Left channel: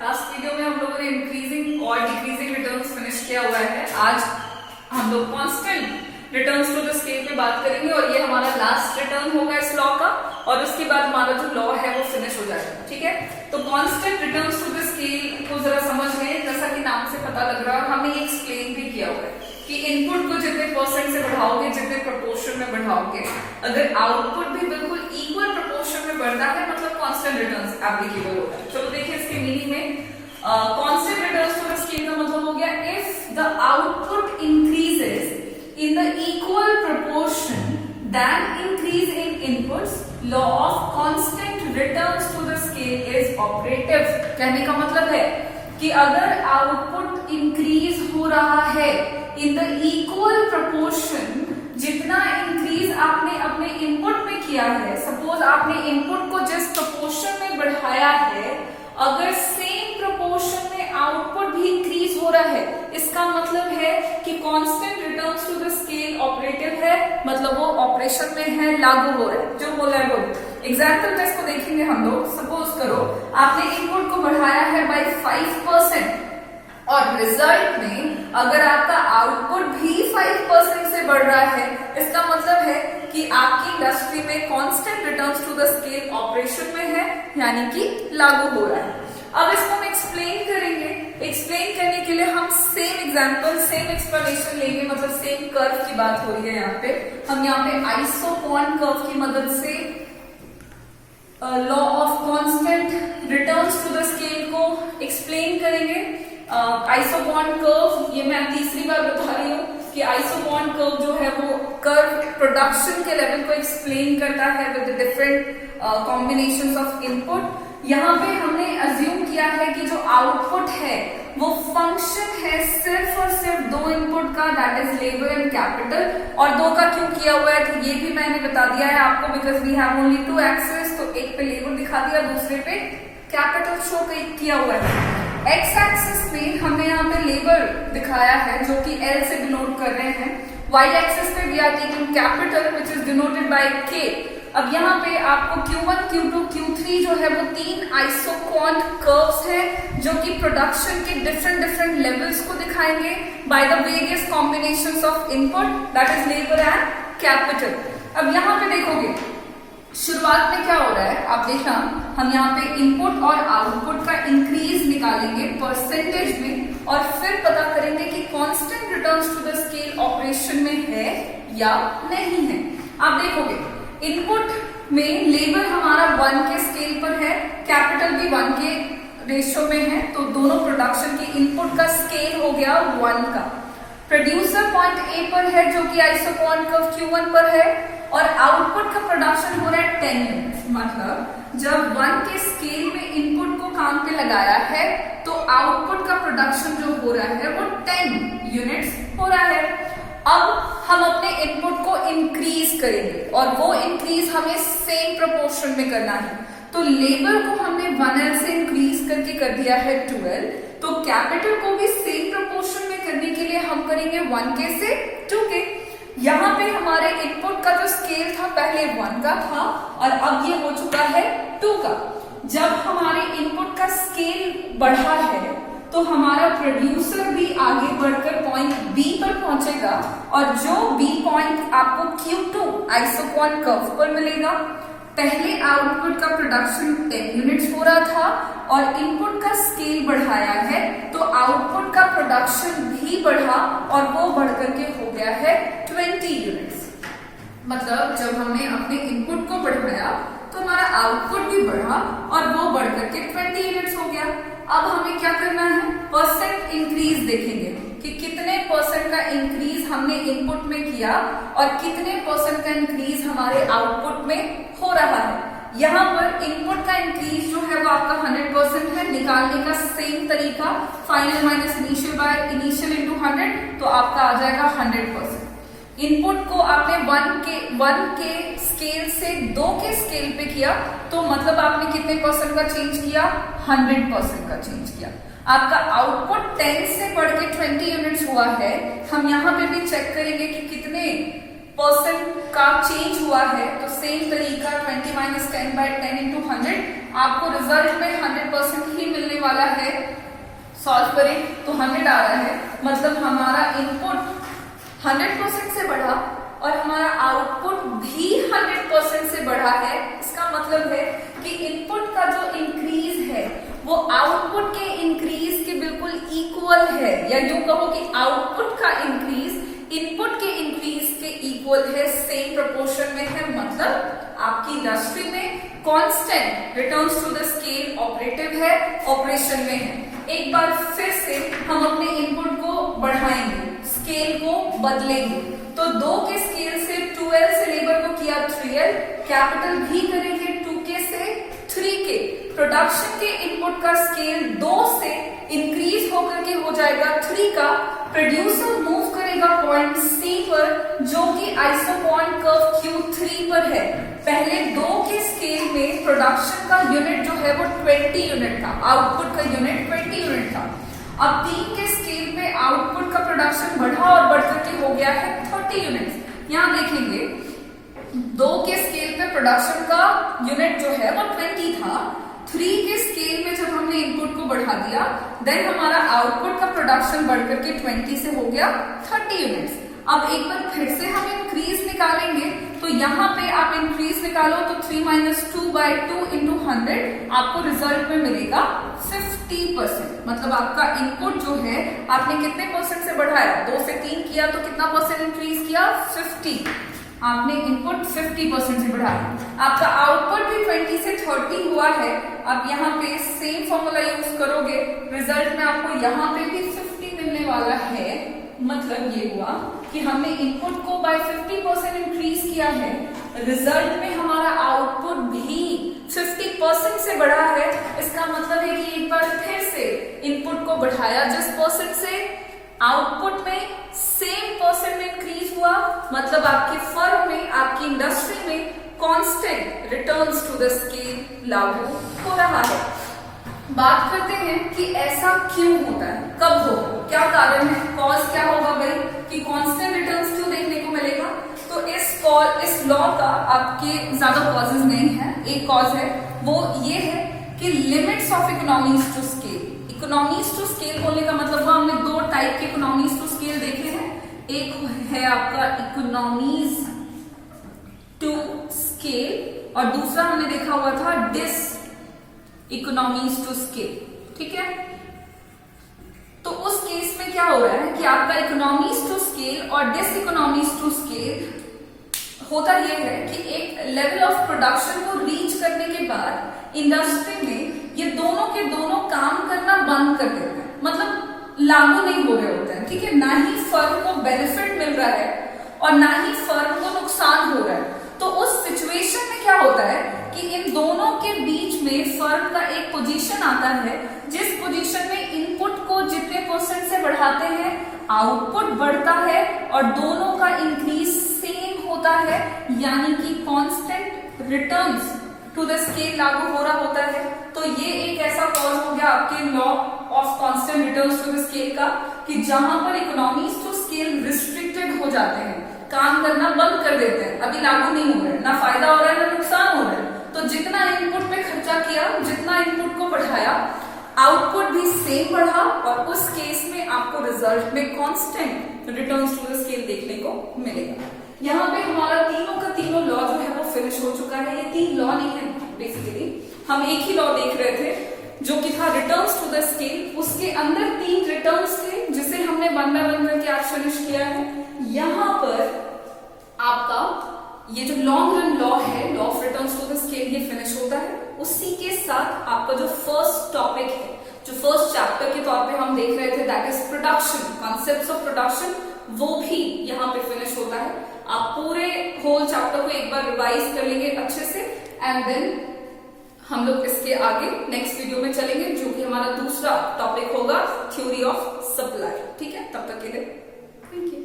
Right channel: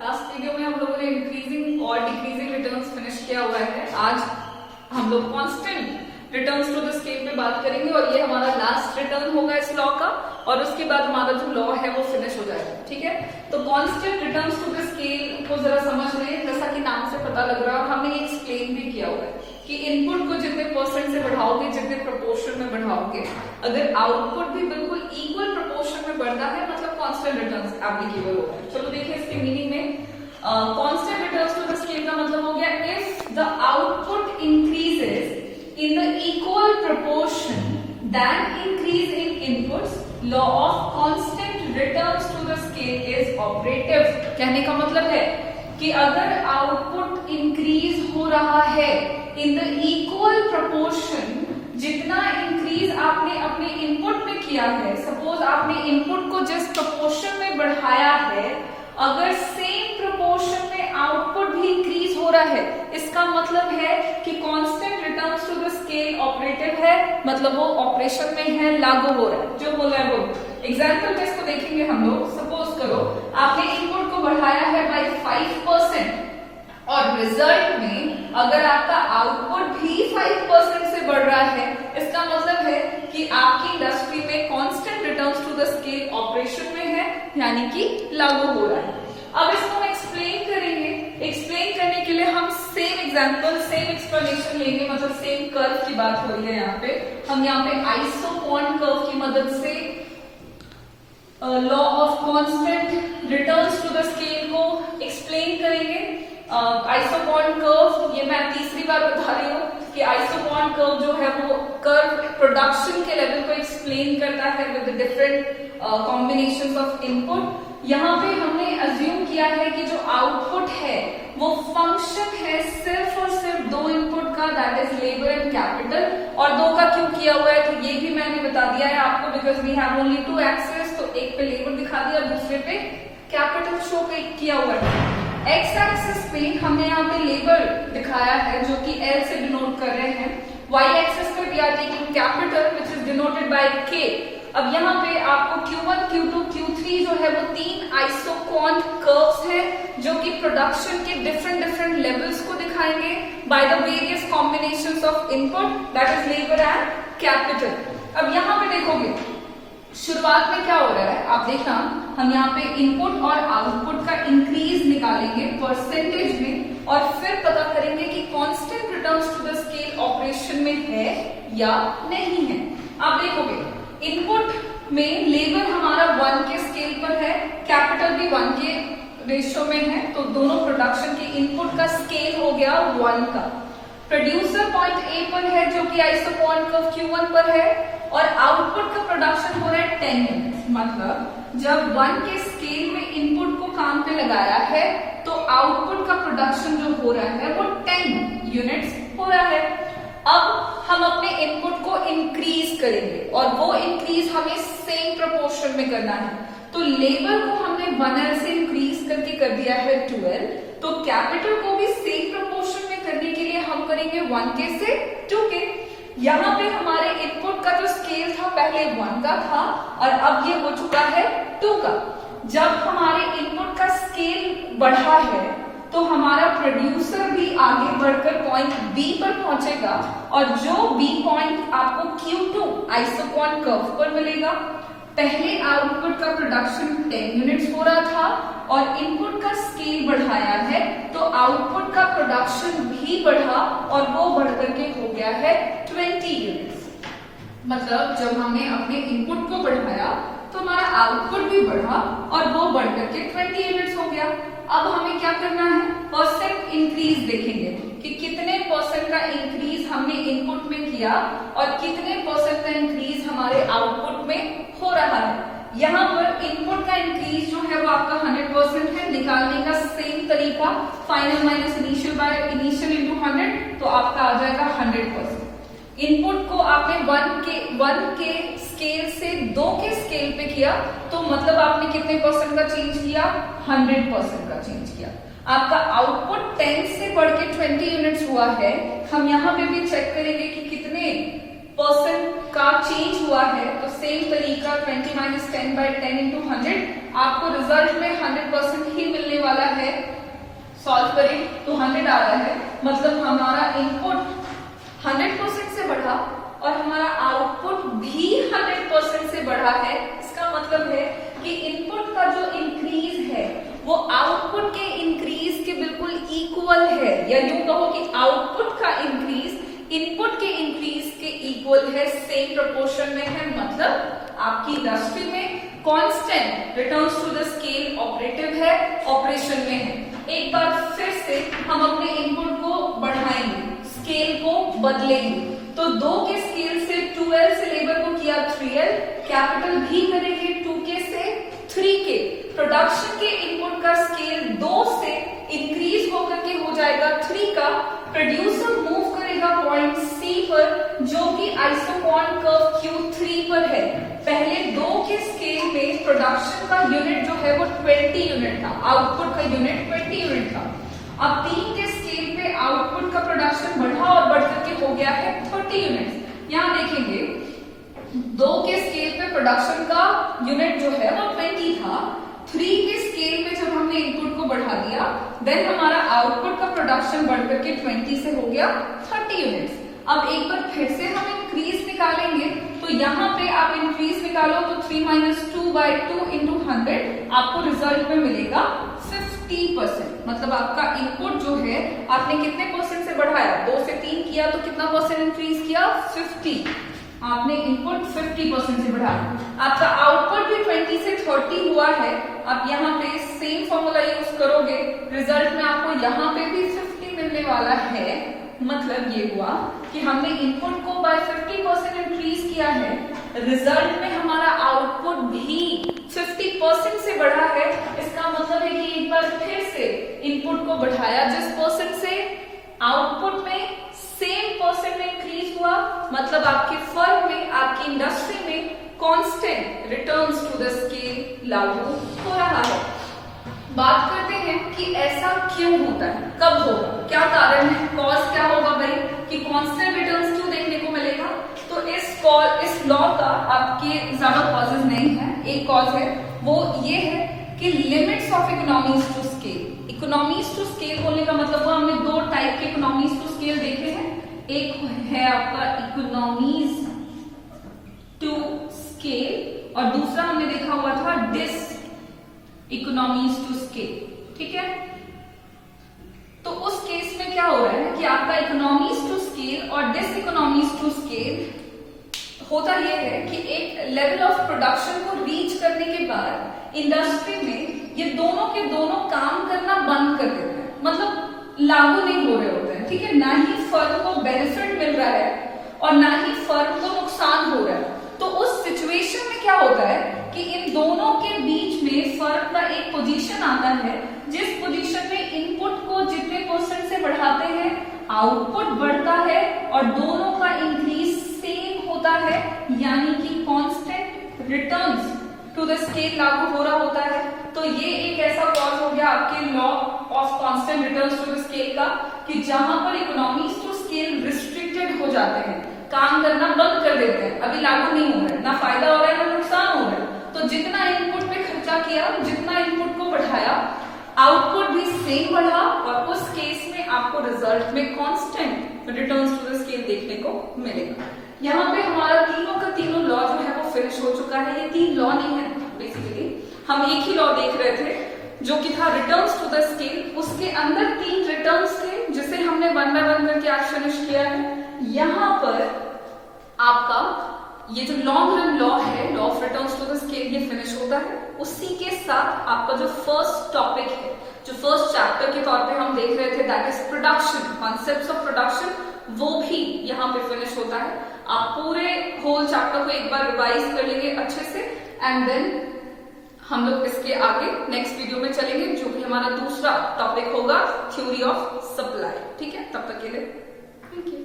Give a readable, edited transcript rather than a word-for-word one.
Last video में हम लोगों ने इंक्रीजिंग और डिक्रीजिंग रिटर्न्स फिनिश किया हुआ है। आज हम लोग constant returns to the scale पे बात करेंगे और ये हमारा लास्ट रिटर्न होगा इस लॉ का, और उसके बाद हमारा जो लॉ है वो फिनिश हो जाएगा। ठीक है, तो constant returns to the scale को जरा समझ लें। जैसा कि नाम से पता लग रहा है और हमने एक्सप्लेन भी किया हुआ है कि इनपुट को जितने परसेंट से बढ़ाओगे, जितने प्रपोर्शन में बढ़ाओगे, अगर आउटपुट भी बिल्कुल इक्वल प्रपोर्शन में बढ़ता है मतलब कांस्टेंट रिटर्न्स एप्लीकेबल होता है। चलो देखिए इसके मीनिंग में constant returns to the scale का मतलब हो गया if the output increases in the equal proportion than increase in inputs, law of constant returns to the scale is operative। कहने का मतलब है कि अगर आउटपुट इंक्रीज हो रहा है in the equal proportion, जितना इंक्रीज आपने अपने इनपुट में किया है, सपोज आपने इनपुट को जिस प्रोपोर्शन में बढ़ाया है, अगर सेम प्रोपोर्शन में आउटपुट भी इंक्रीज हो रहा है, इसका मतलब है कि constant returns to the scale operative है, मतलब वो ऑपरेशन में है, लागू हो रहा है। जो बोला है वो एग्जाम्पल में इसको देखेंगे हम लोग। सपोज करो आपने इनपुट को बढ़ाया है बाय 5% और रिजल्ट में अगर आपका आउटपुट भी 5% से बढ़ रहा है, इसका मतलब है कि आपकी इंडस्ट्री में constant returns to the scale operation में है, यानी कि लागू हो रहा है। अब इसको हम एक्सप्लेन करेंगे। एक्सप्लेन करने के लिए हम सेम एग्जांपल, सेम एक्सप्लेनेशन लेंगे, मतलब सेम कर्व की बात हो रही है यहाँ पे। हम यहाँ पे आइसोपॉन कर्व की मदद से law of constant returns to the scale को एक्सप्लेन करेंगे। आइसोपॉन कर्व, ये मैं तीसरी बार बता रही हूँ कि आइसोपॉन कर्व जो है वो कर्व प्रोडक्शन के लेवल को एक्सप्लेन करता है with different combinations of input. यहाँ पे हमने अज्यूम किया है कि जो आउटपुट है वो फंक्शन है सिर्फ और सिर्फ दो इनपुट का, that is labour and capital. और दो का क्यों किया हुआ है तो ये भी मैंने बता दिया है आपको, because we have only two axes, तो एक पे लेबर दिखा दिया, दूसरे पे कैपिटल शो किया हुआ है। एक्स एक्सिस पे हमने यहाँ पे लेबर दिखाया है जो कि एल से डिनोट कर रहे हैं। वाई एक्सिस पे we are taking capital which is denoted by K. अब यहाँ पे आपको Q1, Q2, Q3 जो है वो तीन आइसोकॉन कर्व्स हैं जो कि प्रोडक्शन के डिफरेंट लेवल्स को दिखाएंगे by the various combinations of input, that is labour and capital. अब यहाँ पे देखोगे शुरुआत में क्या हो रहा है, आप देखना, हम यहाँ पे इनपुट और आउटपुट का इंक्रीज निकालेंगे परसेंटेज में और फिर पता करेंगे कि constant returns to the scale operation में है या नहीं है। आप देखोगे इनपुट में लेबर हमारा 1 के स्केल पर है, कैपिटल भी 1 के रेशियो में है, तो दोनों प्रोडक्शन के इनपुट का स्केल हो गया 1 का। प्रोड्यूसर पॉइंट ए पर है जो कि आइसोपॉन कर्व Q1 पर है, और आउटपुट का प्रोडक्शन हो रहा है 10 यूनिट्स। मतलब जब 1 के स्केल में इनपुट को काम पे लगाया है तो आउटपुट का प्रोडक्शन जो हो रहा है वो 10 यूनिट्स हो रहा है। अब हम अपने इनपुट को इंक्रीज करेंगे और वो इंक्रीज हमें सेम प्रोपोर्शन में करना है। तो लेबर को हमने 1L से इंक्रीज करके कर दिया है 2L, तो कैपिटल को भी सेम प्रोपोर्शन में करने के लिए हम करेंगे 1K से 2K। यहाँ पे हमारे इनपुट का जो स्केल था पहले 1 का था और अब ये हो चुका है 2 का। जब हमारे इनपुट का स्केल बढ़ा है तो हमारा प्रोड्यूसर भी आगे बढ़कर पॉइंट बी पर पहुंचेगा और जो बी पॉइंट आपको Q2 आइसोपॉन कर्व पर मिलेगा। पहले आउटपुट का प्रोडक्शन 10 यूनिट्स हो रहा था और इनपुट का स्केल बढ़ाया है तो आउटपुट का प्रोडक्शन भी बढ़ा और वो बढ़कर के हो गया है 20 यूनिट्स। मतलब जब हमने अपने इनपुट को बढ़ाया तो हमारा आउटपुट भी बढ़ा और वो बढ़कर के 20 यूनिट्स हो गया। अब हमें क्या करना है, परसेंट इंक्रीज देखेंगे कि कितने परसेंट का इंक्रीज हमने इनपुट में किया और कितने परसेंट का इंक्रीज हमारे आउटपुट में हो रहा है। यहाँ पर इनपुट का इंक्रीज जो है वो आपका 100% है। निकालने का सेम तरीका, final minus initial by initial into 100, तो आपका आ जाएगा 100%। इनपुट को आपने 1 के स्केल से 2 के स्केल पे किया तो मतलब आपने कितने परसेंट का चेंज किया, 100% का चेंज किया। आपका आउटपुट 10 से बढ़ के 20 यूनिट्स हुआ है। हम यहाँ पे भी चेक करेंगे कि कितने परसेंट का चेंज हुआ है तो सेम तरीका 20 माइनस 10 बाई 10 इंटू 100 आपको रिजल्ट में 100% ही मिलने वाला है। सॉल्व करें तो 100 आ रहा है, मतलब हमारा इनपुट 100% से बढ़ा और हमारा आउटपुट भी 100% से बढ़ा है। इसका मतलब है कि इनपुट का जो इंक्रीज है वो आउटपुट के इंक्रीज के बिल्कुल इक्वल है, या यूं कहो कि आउटपुट का इंक्रीज इनपुट के इंक्रीज के इक्वल है, सेम प्रोपोर्शन में है। मतलब आपकी इंडस्ट्री में constant returns to the scale operative है, ऑपरेशन में है। एक बार फिर से हम अपने इनपुट को बढ़ाएंगे, स्केल को बदलेंगे। तो 2 के स्केल से 2L से लेबर को किया 3L, कैपिटल भी करेंगे 2K से 3K। प्रोडक्शन के इनपुट का स्केल 2 से इंक्रीज होकर के हो जाएगा 3 का। प्रोड्यूसर मूव करेगा पॉइंट C पर जो कि आइसोपॉन कर्व Q3 पर है। पहले 2 के स्केल में प्रोडक्शन का यूनिट जो है वो 20 यूनिट था, आउटपुट का यूनिट 20 यूनिट था। अब 3 के स्केल पे आउटपुट का प्रोडक्शन बढ़ा और बढ़कर के हो गया है 30 यूनिट। यहाँ देखेंगे 2 के स्केल पे प्रोडक्शन का यूनिट जो है वो 20 था। 3 के स्केल में जब हमने इनपुट को बढ़ा दिया देन हमारा आउटपुट का प्रोडक्शन बढ़कर के 20 से हो गया 30 यूनिट्स। अब एक बार फिर से हम इंक्रीज निकालेंगे तो यहाँ पे आप इंक्रीज निकालो तो 3 माइनस 2 बाई 2 इंटू 100 आपको रिजल्ट में मिलेगा 50%। मतलब आपका इनपुट जो है आपने कितने परसेंट से बढ़ाया, 2 से 3 किया तो कितना परसेंट इंक्रीज किया, 50। आपने इनपुट 50% से बढ़ाया। आपका आउटपुट भी 20 से 30 हुआ है। अब यहाँ पे सेम फॉर्मूला यूज करोगे, रिजल्ट में आपको यहाँ पे भी 50 मिलने वाला है। मतलब ये हुआ कि हमने इनपुट को बाय 50% इंक्रीज किया है, रिजल्ट में हमारा आउटपुट भी 50% से बढ़ा है। इसका मतलब है कि एक बार फिर से इनपुट को बढ़ाया जिस परसेंट से, आउटपुट में सेम परसेंट में इंक्रीज हुआ। मतलब आपकी फर्म में, आपकी इंडस्ट्री में constant returns to the scale लागू हो रहा है। बात करते हैं कि ऐसा क्यों होता है, कब होगा, क्या कारण है, कॉज क्या होगा भाई कि कांस्टेंट रिटर्न्स क्यों देखने को मिलेगा। तो इस लॉ का आपके ज्यादा कॉजेज नहीं है। एक कॉज है वो ये है कि limits of economies to scale. Economies to scale बोलने का मतलब वो हमने 2 टाइप के इकोनॉमीज टू स्केल देखे हैं। एक है आपका इकोनॉमीज टू स्केल और दूसरा हमने देखा हुआ था डिस इकोनॉमीज टू स्केल। ठीक है, तो उस केस में क्या हो रहा है कि आपका इकोनॉमीज टू स्केल और डिस इकोनॉमीज टू स्केल होता यह है कि एक लेवल ऑफ प्रोडक्शन को रीच करने के बाद इंडस्ट्री में ये दोनों के दोनों काम करना बंद कर देते हैं, मतलब लागू नहीं हो रहे होते हैं। ठीक है, ना ही फर्म को बेनिफिट मिल रहा है और ना ही फर्म को नुकसान हो रहा है। तो उस सिचुएशन में क्या होता है कि इन दोनों के बीच में फर्म का एक पोजीशन आता है जिस पोजीशन में इनपुट को जितने परसेंट से बढ़ाते हैं आउटपुट बढ़ता है और दोनों का इंक्रीज सेम होता है, यानी कि constant returns to the scale लागू हो रहा होता है। तो ये एक ऐसा कॉज हो गया आपके law of constant returns to the scale का कि जहां पर इकोनॉमीज टू स्केल रिस्ट्रिक्टेड हो जाते हैं, काम करना बंद कर देते हैं, अभी लागू नहीं हो रहा है, ना फायदा हो रहा है ना नुकसान हो रहा है। तो जितना इनपुट पे खर्चा किया, जितना इनपुट को बढ़ाया, आउटपुट भी सेम बढ़ा और उस केस में आपको रिजल्ट में constant returns to the scale देखने को मिलेगा। यहाँ पे हमारा तीनों का तीनों लॉ जो है वो फिनिश हो चुका है। ये 3 लॉ नहीं है, बेसिकली हम एक ही लॉ देख रहे थे जो कि था रिटर्न्स टू द स्केल। उसके अंदर 3 रिटर्न्स थे जिसे हमने 1 बाय 1 करके आज फिनिश किया है। यहाँ पर आपका ये जो लॉन्ग रन लॉ है, law of returns to the scale, ये फिनिश होता है। उसी के साथ आपका जो फर्स्ट टॉपिक है, जो फर्स्ट चैप्टर के तौर पे हम देख रहे थे, that is production, concepts of production, वो भी यहाँ पे फिनिश होता है। आप पूरे होल चैप्टर को एक बार रिवाइज कर लेंगे अच्छे से एंड देन हम लोग इसके आगे नेक्स्ट वीडियो में चलेंगे जो कि हमारा दूसरा टॉपिक होगा थ्योरी ऑफ सप्लाई। ठीक है, तब तक के लिए थैंक यू।